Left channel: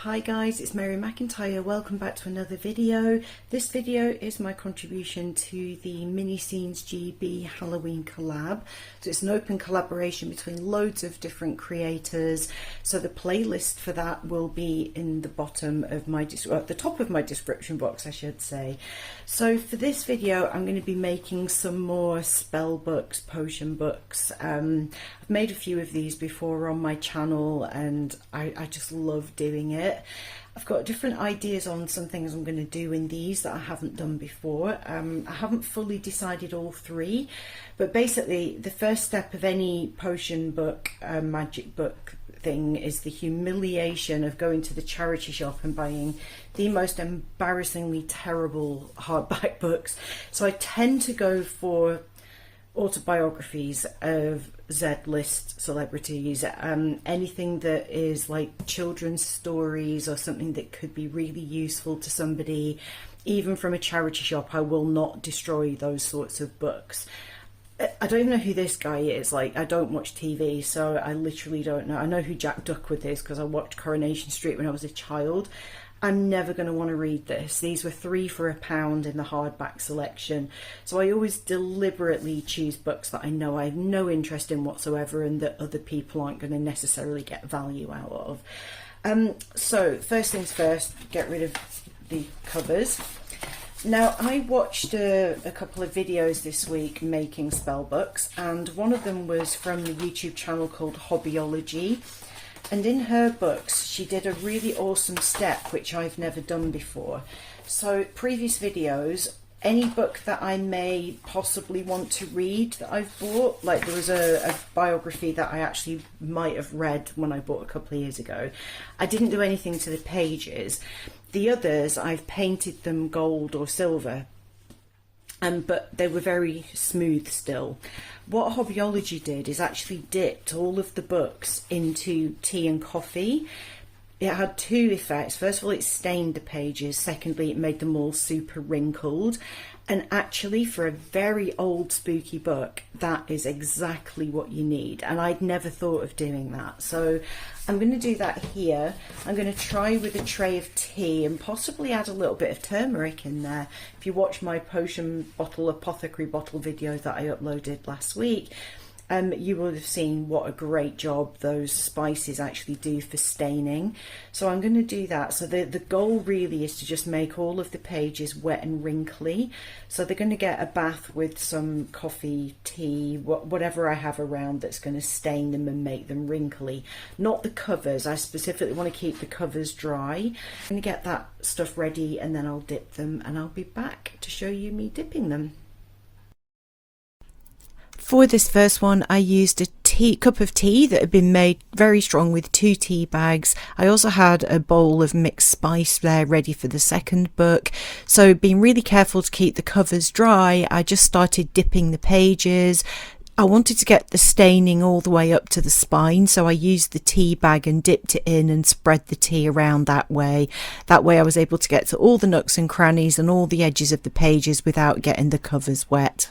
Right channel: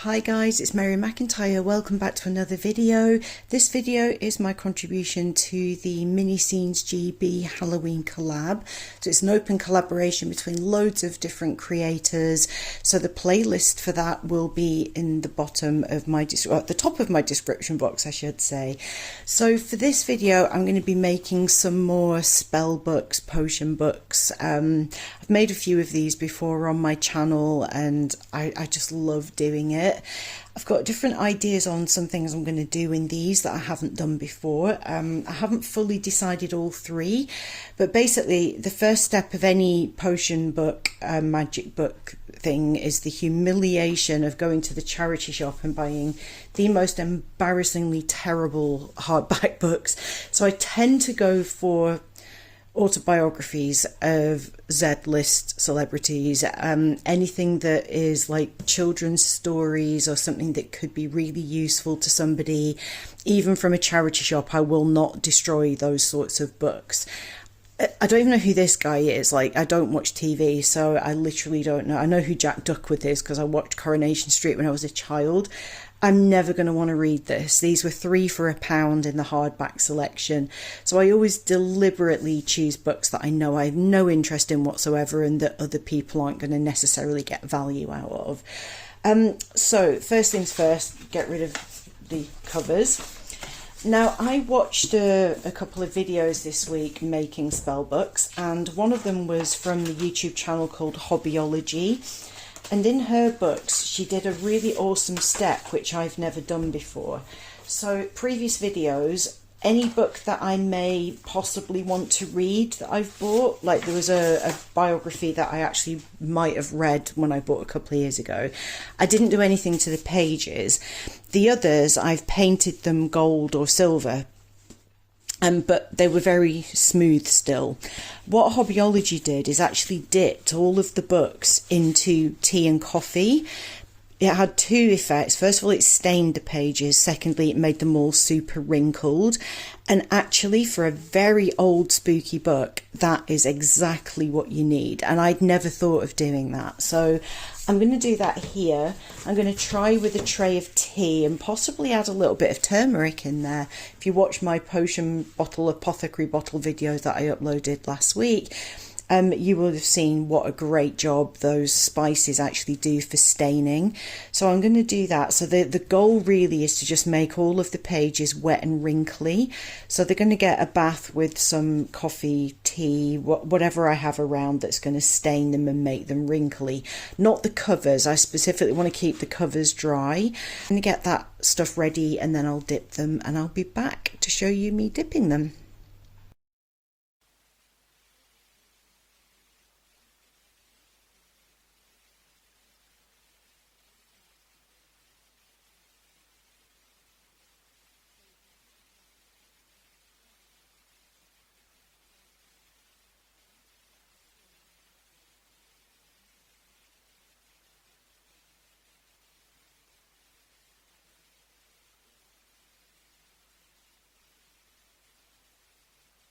Hi guys, it's Mary McIntyre. Welcome back to another video. This video is my contribution to the Mini Scenes GB Halloween collab. So it's an open collaboration between loads of different creators. So the playlist for that will be in the bottom of my, at the top of my description box, I should say. So for this video, I'm going to be making some more spell books, potion books. I've made a few of these before on my channel and I just love doing it. I've got different ideas on some things I'm going to do in these that I haven't done before. I haven't fully decided all three, but basically the first step of any potion book, magic book thing is the humiliation of going to the charity shop and buying the most embarrassingly terrible hardback books. So I tend to go for autobiographies of Z-list celebrities, anything that is like children's stories or something that could be really useful to somebody, even from a charity shop. I will not destroy those sorts of books. I don't even know who this guy is. Like, I don't watch TV, so I literally don't know. I know who Jack Duckworth is because I watched Coronation Street when I was a child. I'm never going to want to read this. These were £3 for £1 in the hardback selection. So I always deliberately choose books that I know I have no interest in whatsoever and that other people aren't going to necessarily get value out of. So first things first, get rid of the covers. Now, I watched a couple of videos this week making spell books, and one of them was from the YouTube channel called Hobbyology. And in her books, she did a really awesome step, which I've never done before. So previous videos, any book that I may possibly want to read that I've bought, like there was a biography that I actually might have read when I bought a couple of years ago. I didn't do anything to the pages. The others, I've painted them gold or silver. But they were very smooth still. What Hobbyology did is actually dipped all of the books into tea and coffee. It had two effects. First of all, it stained the pages. Secondly, it made them all super wrinkled. And actually, for a very old spooky book, that is exactly what you need. And I'd never thought of doing that. So I'm going to do that here. I'm going to try with a tray of tea and possibly add a little bit of turmeric in there. If you watch my potion bottle, apothecary bottle videos that I uploaded last week, you will have seen what a great job those spices actually do for staining. So I'm going to do that. So the goal really is to just make all of the pages wet and wrinkly. So they're going to get a bath with some coffee, tea, whatever I have around that's going to stain them and make them wrinkly. Not the covers. I specifically want to keep the covers dry. I'm going to get that stuff ready and then I'll dip them and I'll be back to show you me dipping them. For this first one, I used a cup of tea that had been made very strong with 2 tea bags. I also had a bowl of mixed spice there ready for the second book. So being really careful to keep the covers dry, I just started dipping the pages. I wanted to get the staining all the way up to the spine, so I used the tea bag and dipped it in and spread the tea around that way. That way I was able to get to all the nooks and crannies and all the edges of the pages without getting the covers wet.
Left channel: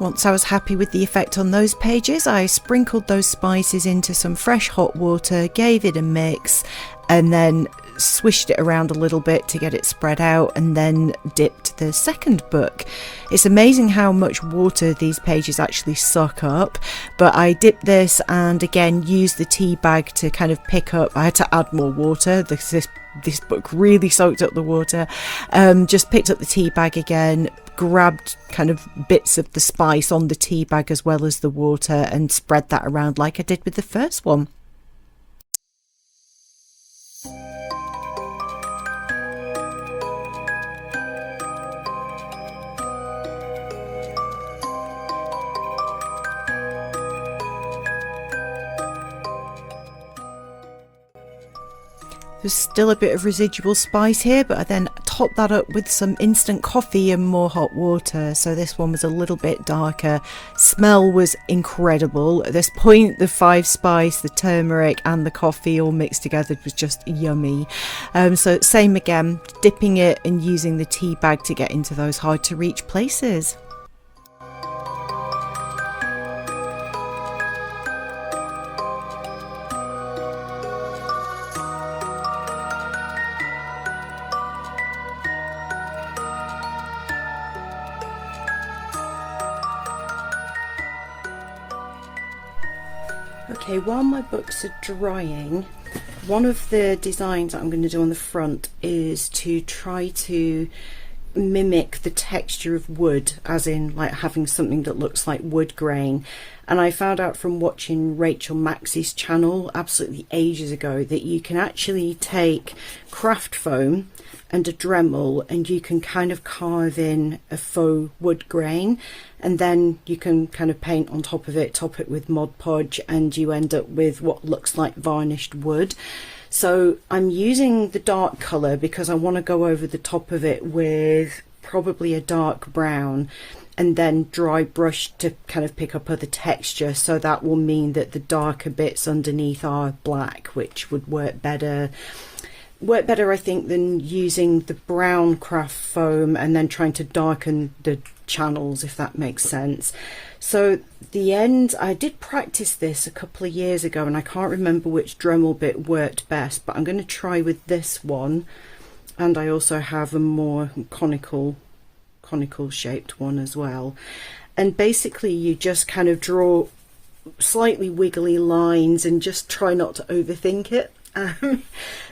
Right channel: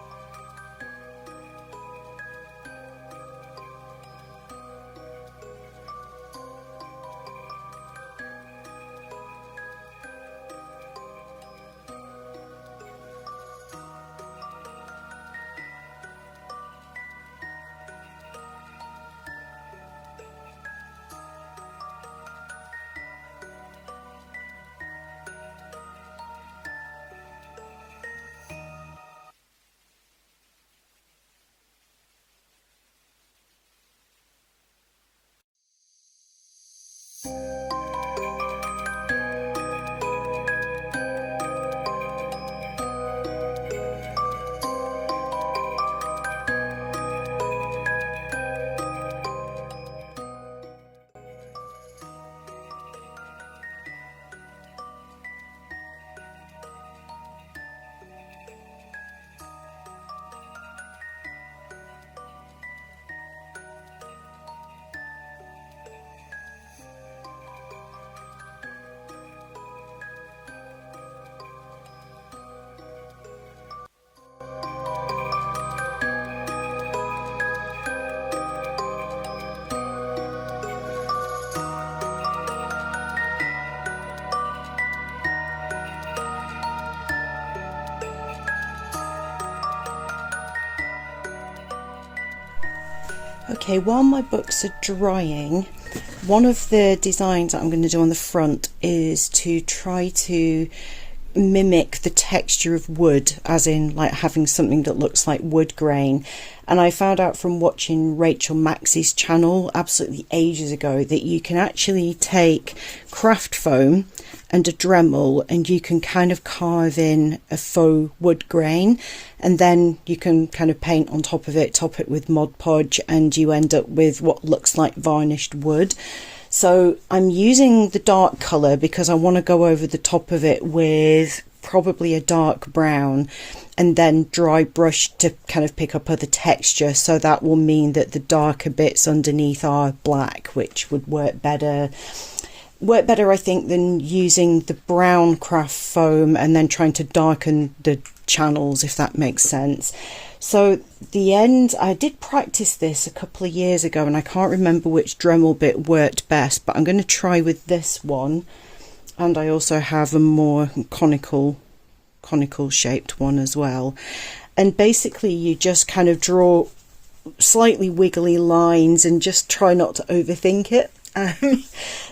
Once I was happy with the effect on those pages, I sprinkled those spices into some fresh hot water, gave it a mix, and then swished it around a little bit to get it spread out, and then dipped the second book. It's amazing how much water these pages actually suck up, but I dipped this and again used the tea bag to kind of pick up. I had to add more water. This book really soaked up the water. Just picked up the tea bag again, grabbed kind of bits of the spice on the tea bag as well as the water and spread that around like I did with the first one. There's still a bit of residual spice here, but I then topped that up with some instant coffee and more hot water. So this one was a little bit darker. Smell was incredible. At this point, the 5 spice, the turmeric and the coffee all mixed together was just yummy. So same again, dipping it and using the tea bag to get into those hard to reach places. Okay, while my books are drying, one of the designs that I'm going to do on the front is to try to mimic the texture of wood, as in like having something that looks like wood grain. And I found out from watching Rachel Maxey's channel absolutely ages ago that you can actually take craft foam and a Dremel and you can kind of carve in a faux wood grain, and then you can kind of paint on top of it, top it with Mod Podge, and you end up with what looks like varnished wood. So I'm using the dark colour because I want to go over the top of it with probably a dark brown, and then dry brush to kind of pick up other texture. So that will mean that the darker bits underneath are black, which would work better I think than using the brown craft foam and then trying to darken the channels, if that makes sense. So the end, I did practice this a couple of years ago and I can't remember which Dremel bit worked best, but I'm going to try with this one. And I also have a more conical shaped one as well. And basically you just kind of draw slightly wiggly lines and just try not to overthink it.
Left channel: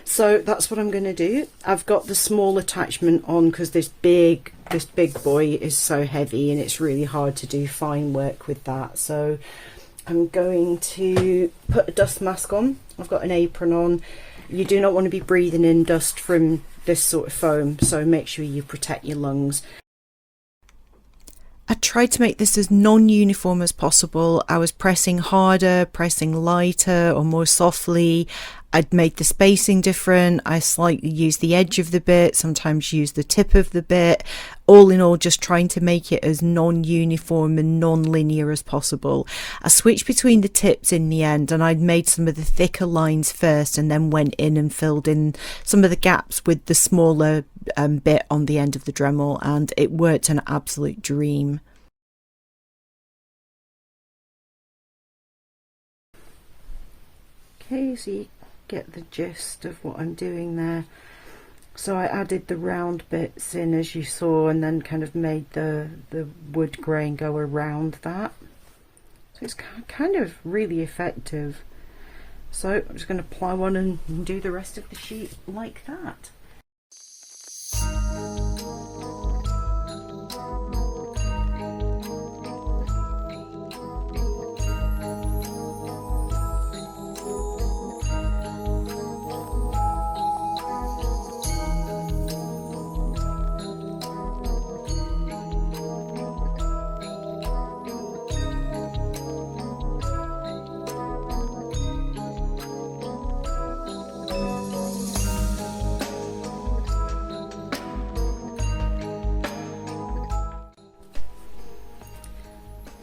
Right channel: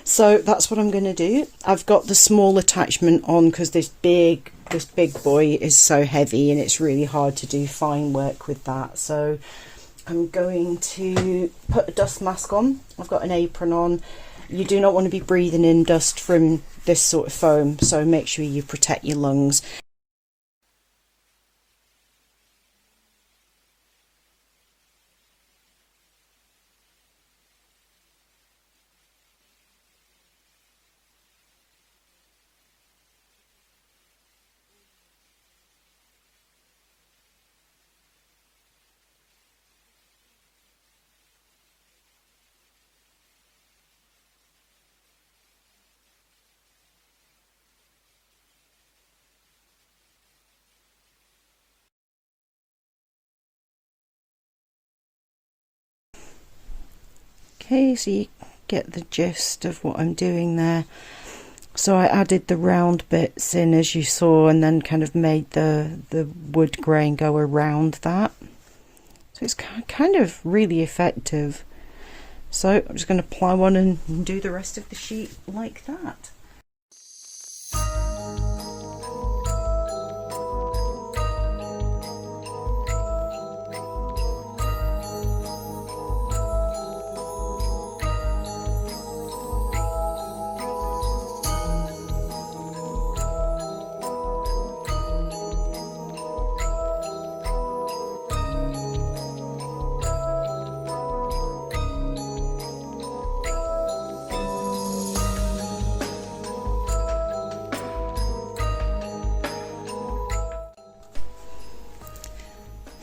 So that's what I'm going to do. I've got the small attachment on because this big boy is so heavy and it's really hard to do fine work with that. So I'm going to put a dust mask on. I've got an apron on. You do not want to be breathing in dust from this sort of foam, so make sure you protect your lungs. I tried to make this as non-uniform as possible. I was pressing harder, pressing lighter or more softly. I'd made the spacing different. I slightly used the edge of the bit, sometimes used the tip of the bit. All in all, just trying to make it as non-uniform and non-linear as possible. I switched between the tips in the end, and I'd made some of the thicker lines first and then went in and filled in some of the gaps with the smaller bit on the end of the Dremel, and it worked an absolute dream. Okay, so you get the gist of what I'm doing there. So I added the round bits in as you saw, and then kind of made the wood grain go around that. So it's kind of really effective. So I'm just going to ply one and do the rest of the sheet like that.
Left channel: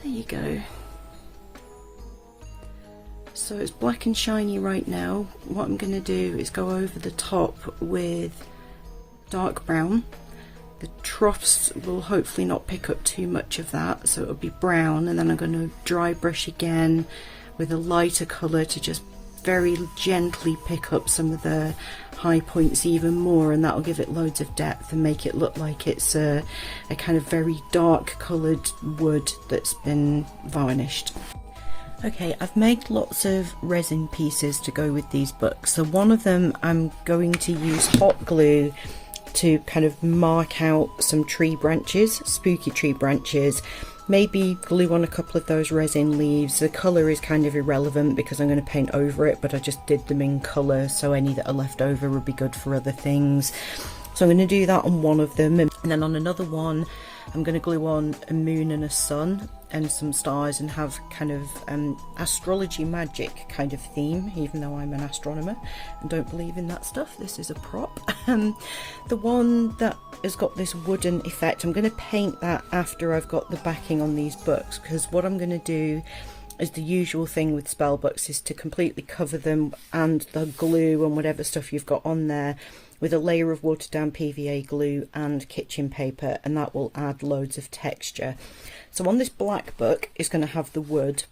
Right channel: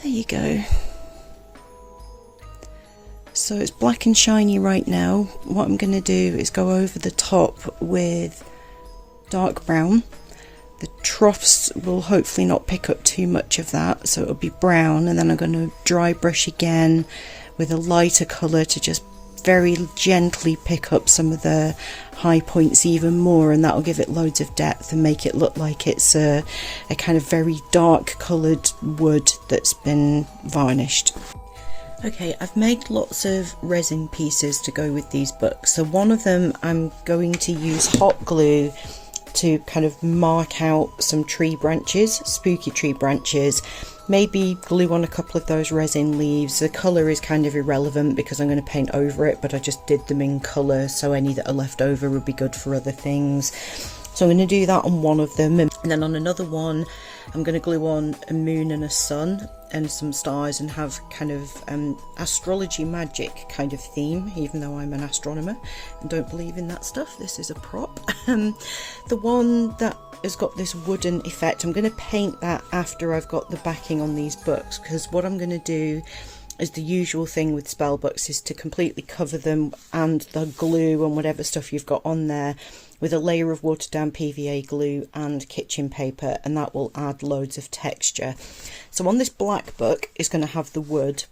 There you go. So it's black and shiny right now. What I'm going to do is go over the top with dark brown. The troughs will hopefully not pick up too much of that, so it'll be brown, and then I'm going to dry brush again with a lighter colour to just very gently pick up some of the high points even more, and that'll give it loads of depth and make it look like it's a kind of very dark coloured wood that's been varnished. Okay, I've made lots of resin pieces to go with these books. So one of them I'm going to use hot glue to kind of mark out some tree branches, spooky tree branches. Maybe glue on a couple of those resin leaves. The colour is kind of irrelevant because I'm going to paint over it, but I just did them in colour, so any that are left over would be good for other things. So I'm going to do that on one of them, and then on another one I'm going to glue on a moon and a sun and some stars and have kind of astrology magic kind of theme, even though I'm an astronomer and don't believe in that stuff. This is a prop. The one that has got this wooden effect, I'm going to paint that after I've got the backing on these books, because what I'm going to do is the usual thing with spell books is to completely cover them and the glue and whatever stuff you've got on there with a layer of watered down PVA glue and kitchen paper, and that will add loads of texture. So on this black book is going to have the wood,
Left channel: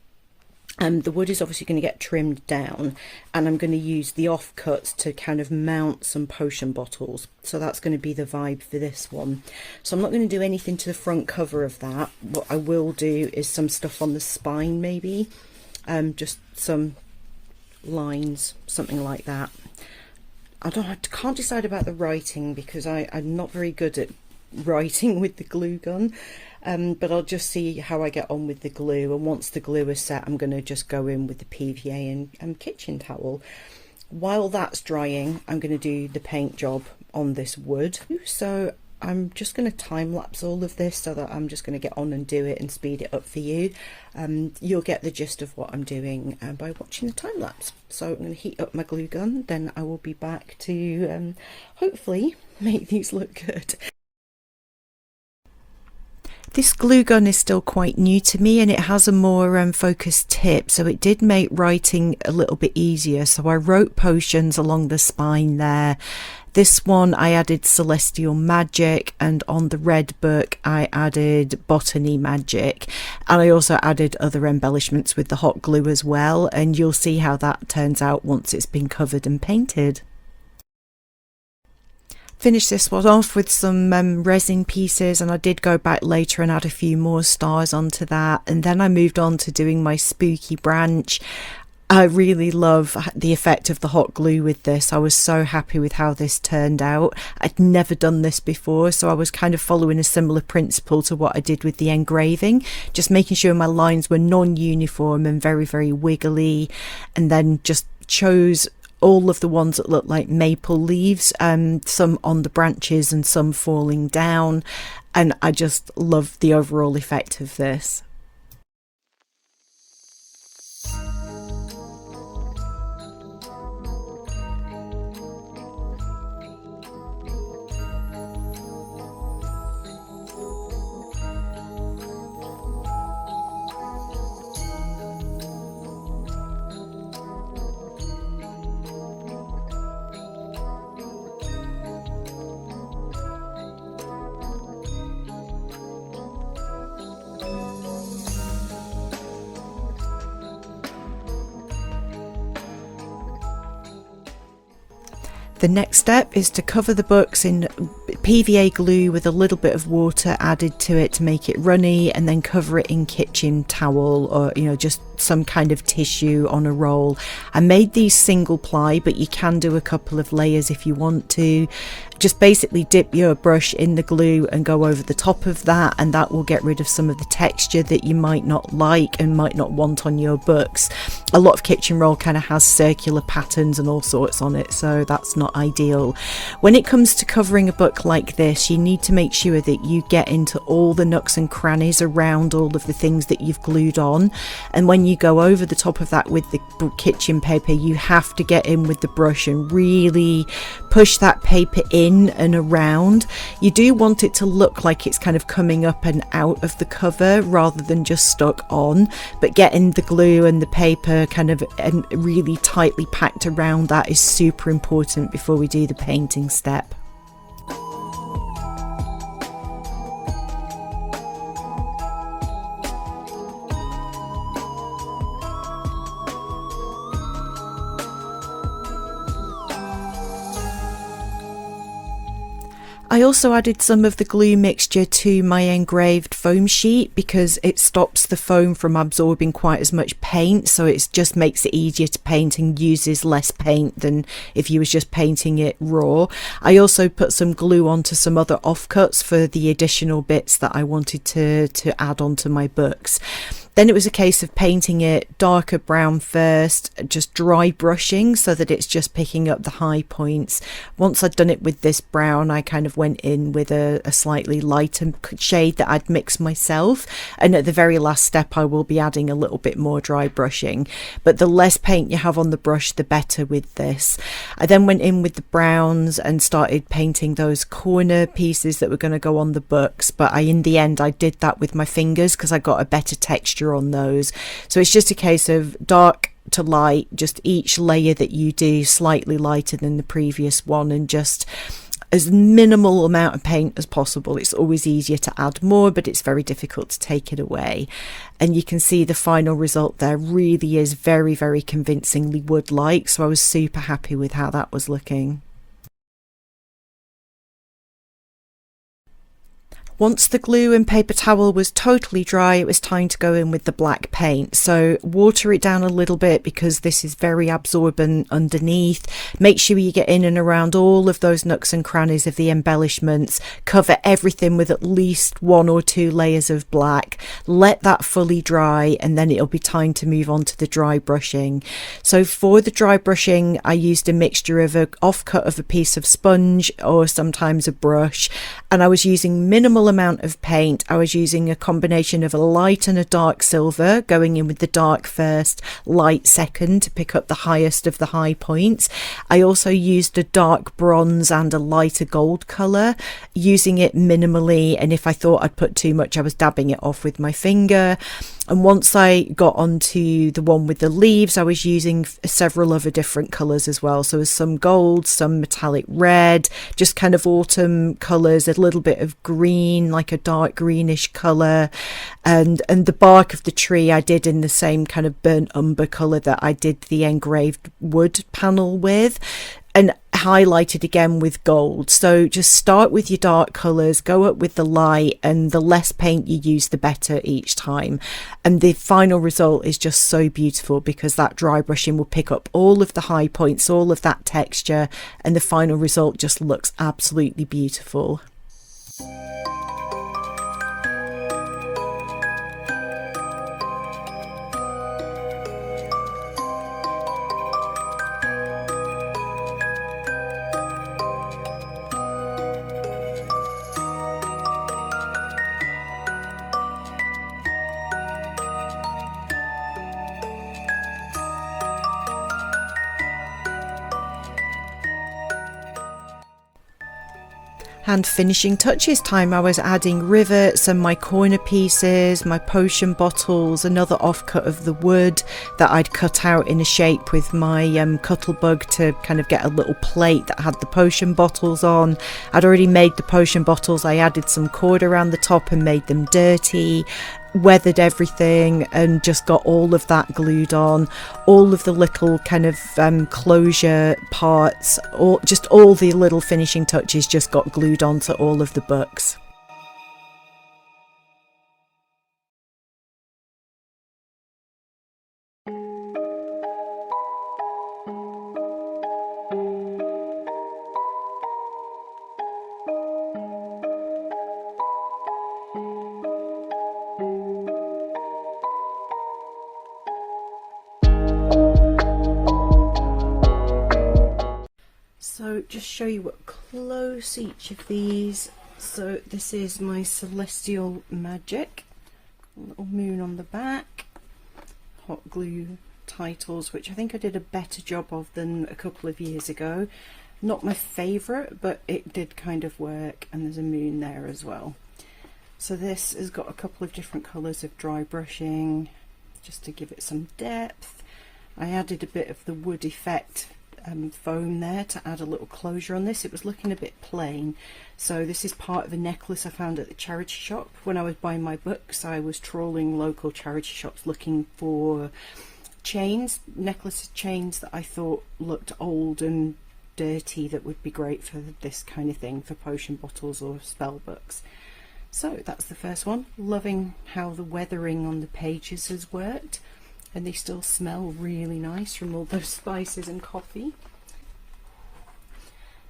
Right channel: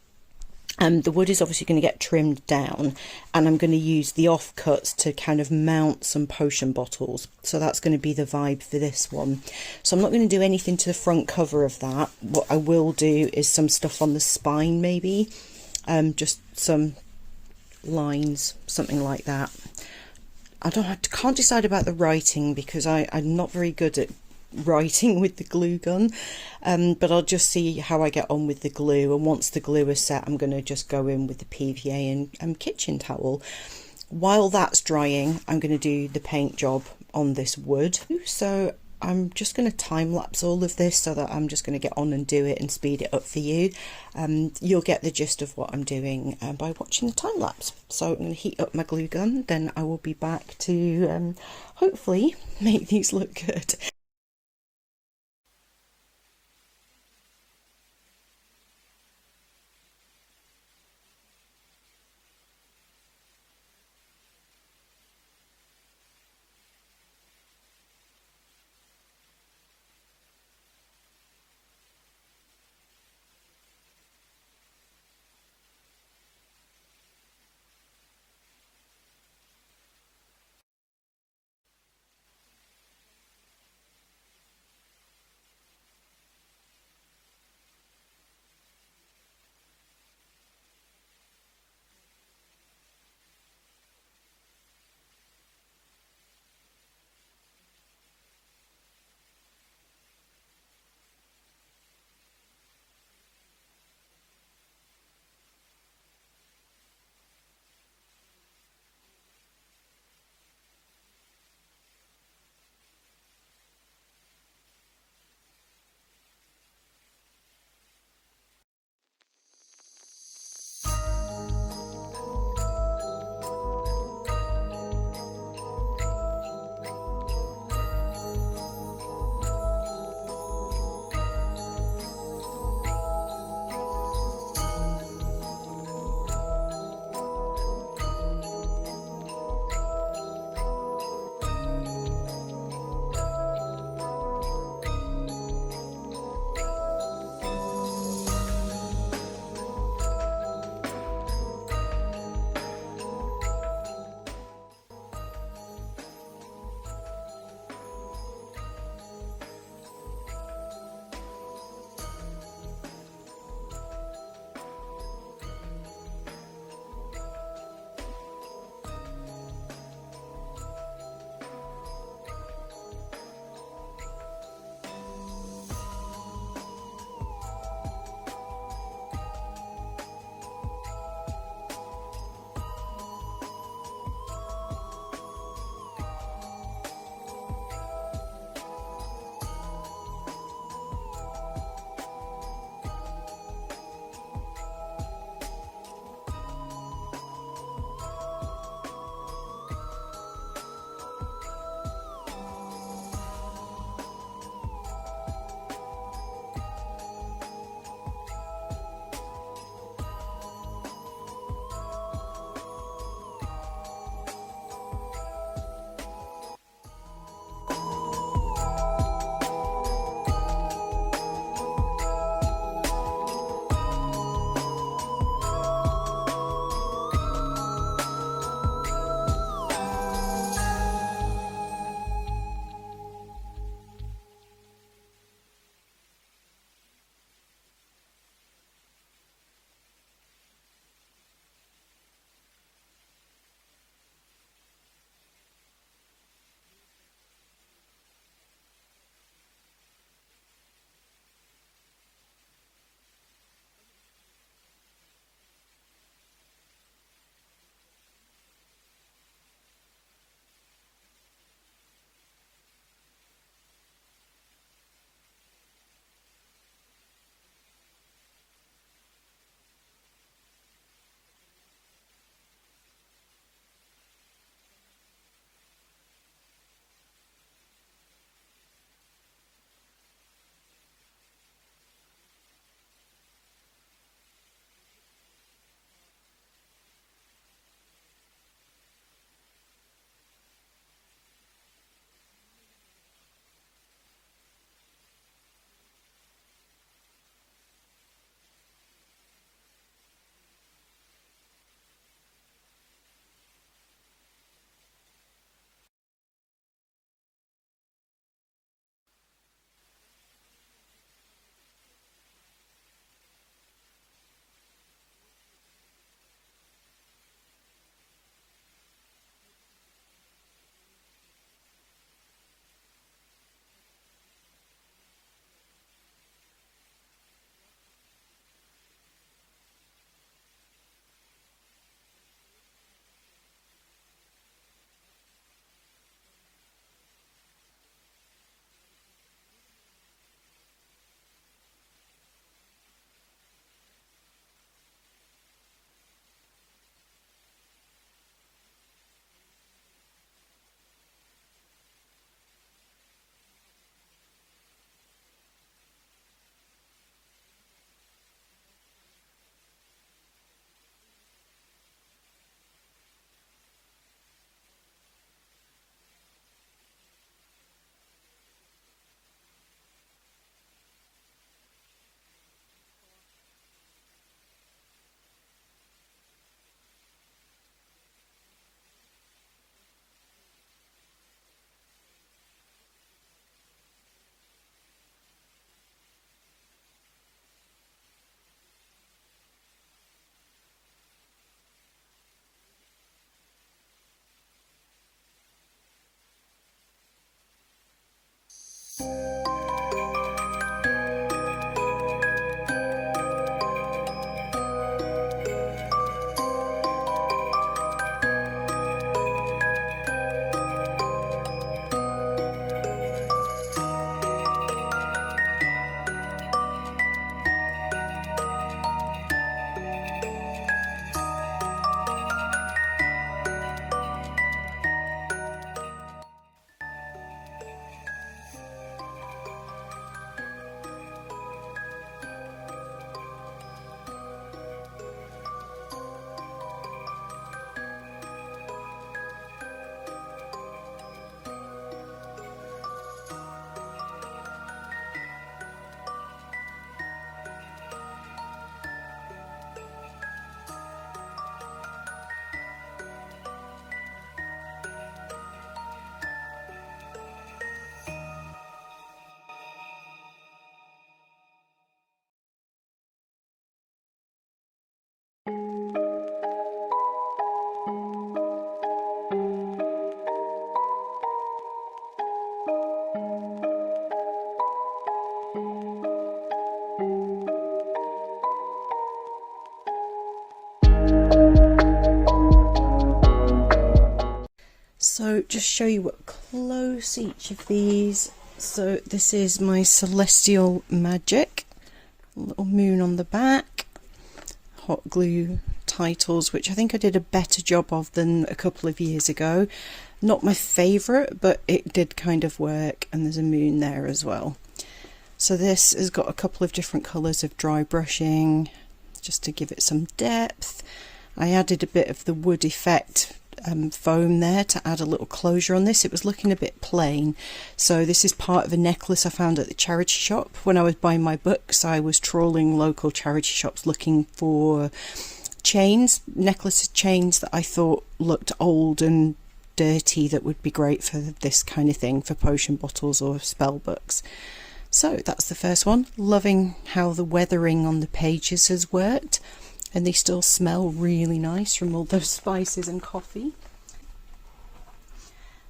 and the wood is obviously going to get trimmed down, and I'm going to use the offcuts to kind of mount some potion bottles. So that's going to be the vibe for this one. So I'm not going to do anything to the front cover of that. What I will do is some stuff on the spine, maybe just some lines, something like that. I can't decide about the writing because I'm not very good at writing with the glue gun, but I'll just see how I get on with the glue, and once the glue is set I'm going to just go in with the PVA and kitchen towel. While that's drying, I'm going to do the paint job on this wood. So I'm just going to time lapse all of this so that I'm just going to get on and do it and speed it up for you. You'll get the gist of what I'm doing by watching the time lapse. So I'm going to heat up my glue gun, then I will be back to hopefully make these look good. This glue gun is still quite new to me, and it has a more focused tip, so it did make writing a little bit easier. So I wrote potions along the spine there. This one I added celestial magic, and on the red book I added botany magic, and I also added other embellishments with the hot glue as well, and you'll see how that turns out once it's been covered and painted. Finish this one off with some resin pieces, and I did go back later and add a few more stars onto that, and then I moved on to doing my spooky branch. I really love the effect of the hot glue with this. I was so happy with how this turned out. I'd never done this before, so I was kind of following a similar principle to what I did with the engraving, just making sure my lines were non-uniform and very, very wiggly, and then just chose all of the ones that look like maple leaves, some on the branches and some falling down, and I just love the overall effect of this. The next step is to cover the books in PVA glue with a little bit of water added to it to make it runny, and then cover it in kitchen towel or just some kind of tissue on a roll. I made these single ply, but you can do a couple of layers if you want to. Just basically dip your brush in the glue and go over the top of that, and that will get rid of some of the texture that you might not like and might not want on your books. A lot of kitchen roll kind of has circular patterns and all sorts on it, so that's not ideal. When it comes to covering a book like this, you need to make sure that you get into all the nooks and crannies around all of the things that you've glued on, and when you go over the top of that with the kitchen paper, you have to get in with the brush and really push that paper in and around. You do want it to look like it's kind of coming up and out of the cover rather than just stuck on, but getting the glue and the paper kind of really tightly packed around that is super important before we do the painting step. I also added some of the glue mixture to my engraved foam sheet because it stops the foam from absorbing quite as much paint, so it just makes it easier to paint and uses less paint than if you was just painting it raw. I also put some glue onto some other offcuts for the additional bits that I wanted to add onto my books. Then it was a case of painting it darker brown first, just dry brushing so that it's just picking up the high points. Once I'd done it with this brown, I kind of went in with a slightly lighter shade that I'd mixed myself. And at the very last step, I will be adding a little bit more dry brushing. But the less paint you have on the brush, the better with this. I then went in with the browns and started painting those corner pieces that were going to go on the books. But in the end, I did that with my fingers because I got a better texture on those. So it's just a case of dark to light, just each layer that you do slightly lighter than the previous one, and just as minimal amount of paint as possible. It's always easier to add more, but it's very difficult to take it away. And you can see the final result there really is very, very convincingly wood-like, so I was super happy with how that was looking. Once the glue and paper towel was totally dry, it was time to go in with the black paint. So water it down a little bit because this is very absorbent underneath. Make sure you get in and around all of those nooks and crannies of the embellishments. Cover everything with at least 1 or 2 layers of black. Let that fully dry, and then it'll be time to move on to the dry brushing. So for the dry brushing, I used a mixture of an offcut of a piece of sponge or sometimes a brush, and I was using minimal amount of paint. I was using a combination of a light and a dark silver, going in with the dark first, light second to pick up the highest of the high points. I also used a dark bronze and a lighter gold colour, using it minimally, and if I thought I'd put too much, I was dabbing it off with my finger. And once I got onto the one with the leaves, I was using several other different colours as well. So there's some gold, some metallic red, just kind of autumn colours, a little bit of green, like a dark greenish colour. And the bark of the tree I did in the same kind of burnt umber colour that I did the engraved wood panel with, and highlighted again with gold. So just start with your dark colours, go up with the light, and the less paint you use, the better each time. And the final result is just so beautiful because that dry brushing will pick up all of the high points, all of that texture, and the final result just looks absolutely beautiful. And finishing touches time, I was adding rivets and my corner pieces, my potion bottles, another offcut of the wood that I'd cut out in a shape with my cuttlebug to kind of get a little plate that had the potion bottles on. I'd already made the potion bottles, I added some cord around the top and made them dirty, weathered everything and just got all of that glued on. All of the little kind of closure parts, just all the little finishing touches just got glued onto all of the books. So just show you what close each of these. So this is my Celestial Magic, little moon on the back, hot glue titles, which I think I did a better job of than a couple of years ago. Not my favourite, but it did kind of work, and there's a moon there as well. So this has got a couple of different colours of dry brushing, just to give it some depth. I added a bit of the wood effect foam there to add a little closure on this. It was looking a bit plain, so this is part of a necklace I found at the charity shop. When I was buying my books, I was trawling local charity shops looking for chains, necklace chains that I thought looked old and dirty that would be great for this kind of thing, for potion bottles or spell books. So that's the first one. Loving how the weathering on the pages has worked, and they still smell really nice from all those spices and coffee.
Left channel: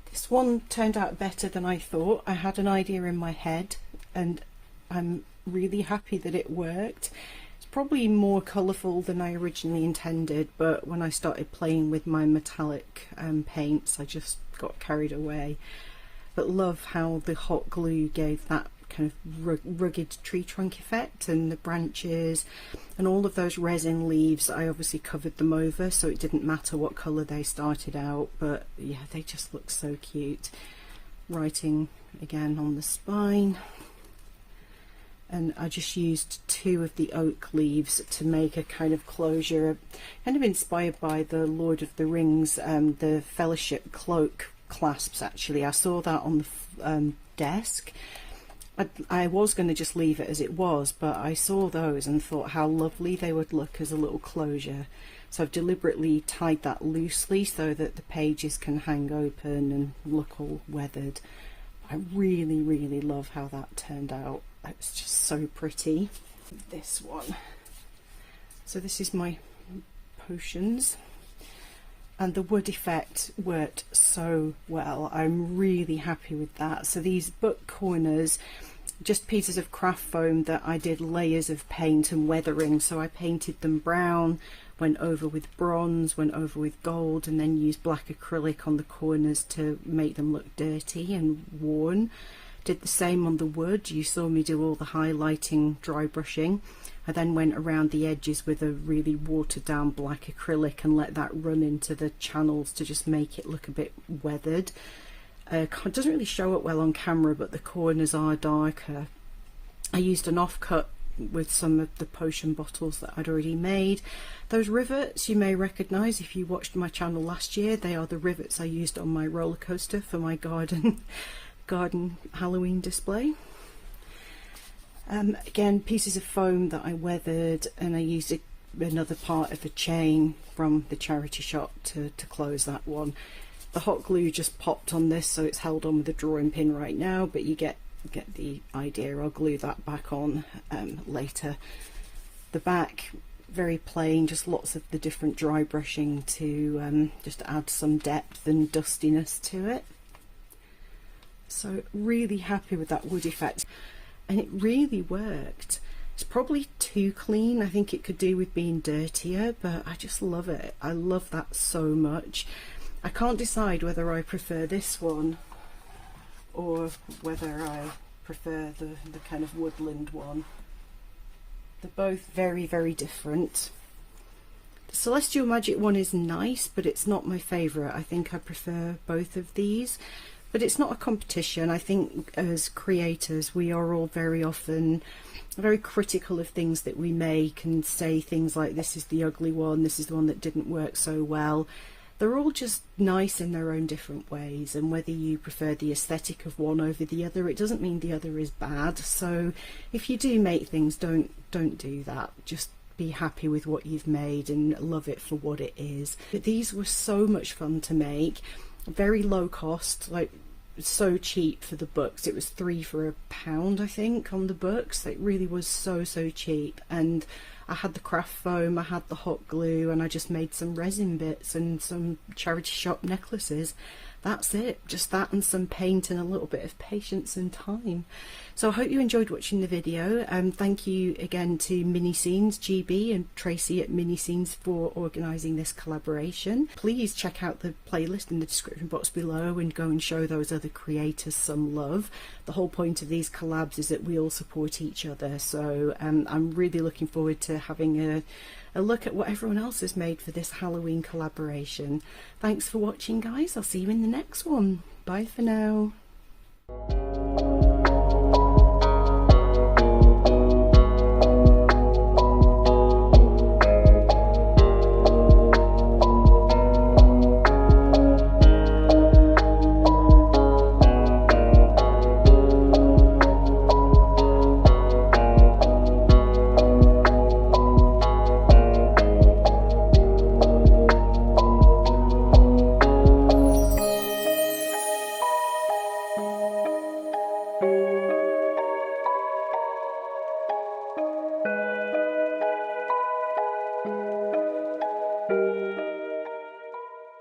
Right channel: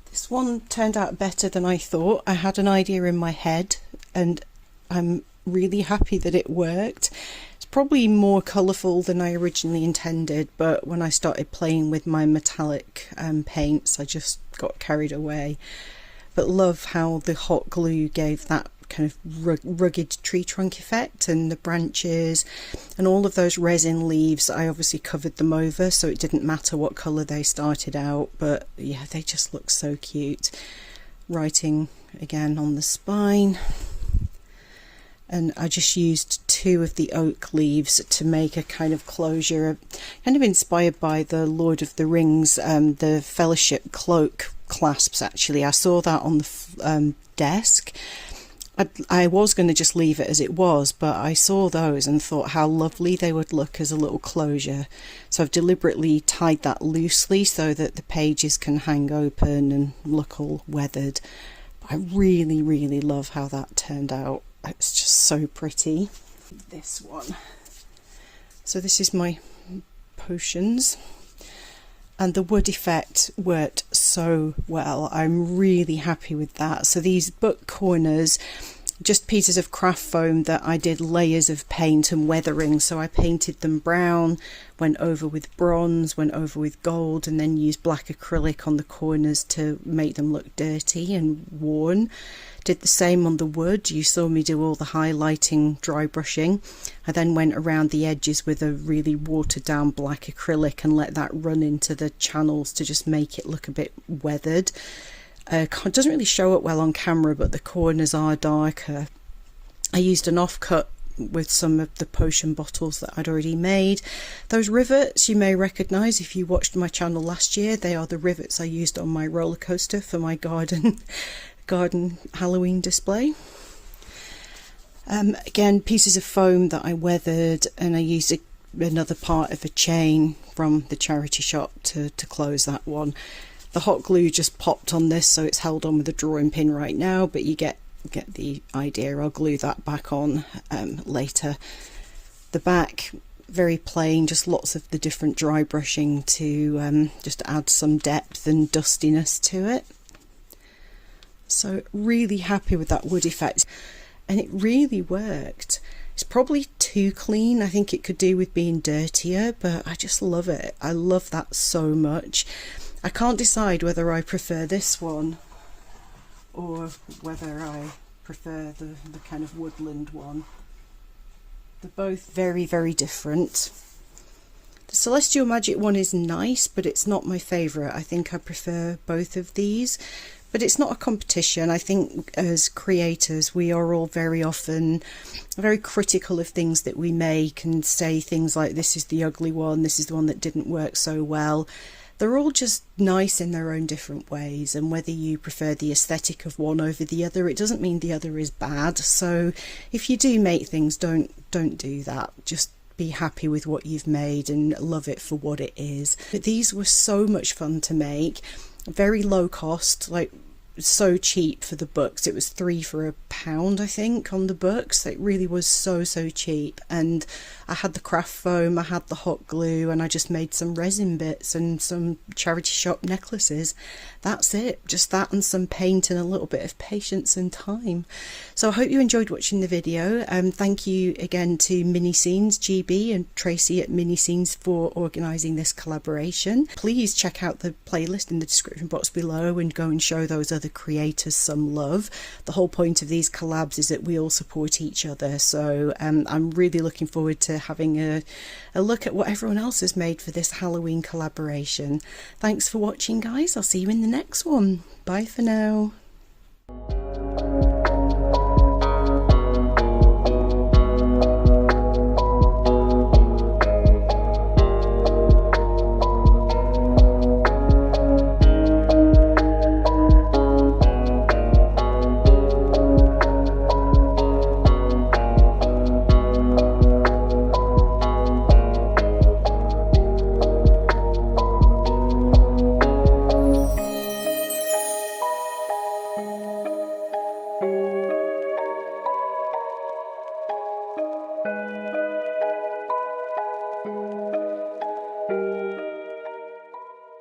This one turned out better than I thought. I had an idea in my head and I'm really happy that it worked. It's probably more colourful than I originally intended, but when I started playing with my metallic paints, I just got carried away. But love how the hot glue gave that kind of rugged tree trunk effect, and the branches and all of those resin leaves, I obviously covered them over so it didn't matter what colour they started out, but yeah, they just look so cute. Writing again on the spine, and I just used 2 of the oak leaves to make a kind of closure, kind of inspired by the Lord of the Rings, the Fellowship cloak clasps. Actually, I saw that on the desk. I was going to just leave it as it was, but I saw those and thought how lovely they would look as a little closure. So I've deliberately tied that loosely so that the pages can hang open and look all weathered. I really, really love how that turned out. It's just so pretty. This one. So this is my potions. And the wood effect worked so well. I'm really happy with that. So these book corners, just pieces of craft foam that I did layers of paint and weathering. So I painted them brown, went over with bronze, went over with gold, and then used black acrylic on the corners to make them look dirty and worn. Did the same on the wood. You saw me do all the highlighting, dry brushing. I then went around the edges with a really watered down black acrylic and let that run into the channels to just make it look a bit weathered. It doesn't really show up well on camera, but the corners are darker. I used an offcut with some of the potion bottles that I'd already made. Those rivets you may recognise if you watched my channel last year. They are the rivets I used on my roller coaster for my garden Halloween display. Again, pieces of foam that I weathered, and I used another part of a chain from the charity shop to close that one. The hot glue just popped on this, so it's held on with a drawing pin right now, but you get the idea. I'll glue that back on later. The back, very plain, just lots of the different dry brushing to just add some depth and dustiness to it. So really happy with that wood effect, and it really worked. It's probably too clean. I think it could do with being dirtier, but I just love it. I love that so much. I can't decide whether I prefer this one or whether I prefer the kind of woodland one. They're both very, very different. The Celestial Magic one is nice, but it's not my favourite. I think I prefer both of these. But it's not a competition. I think as creators, we are all very often very critical of things that we make and say things like, this is the ugly one, this is the one that didn't work so well. They're all just nice in their own different ways, and whether you prefer the aesthetic of one over the other, it doesn't mean the other is bad. So if you do make things, don't do that. Just be happy with what you've made and love it for what it is. But these were so much fun to make. Very low cost, like so cheap for the books. It was 3 for £1, I think, on the books. It really was so cheap. And I had the craft foam, I had the hot glue, and I just made some resin bits and some charity shop necklaces. That's it, just that and some paint and a little bit of patience and time. So I hope you enjoyed watching the video. Thank you again to Mini Scenes GB and Tracey at Mini Scenes for organising this collaboration. Please check out the playlist in the description box below and go and show those other creators some love. The whole point of these collabs is that we all support each other, so I'm really looking forward to having a look at what everyone else has made for this Halloween collaboration. Thanks for watching, guys. I'll see you in the next one. Bye for now.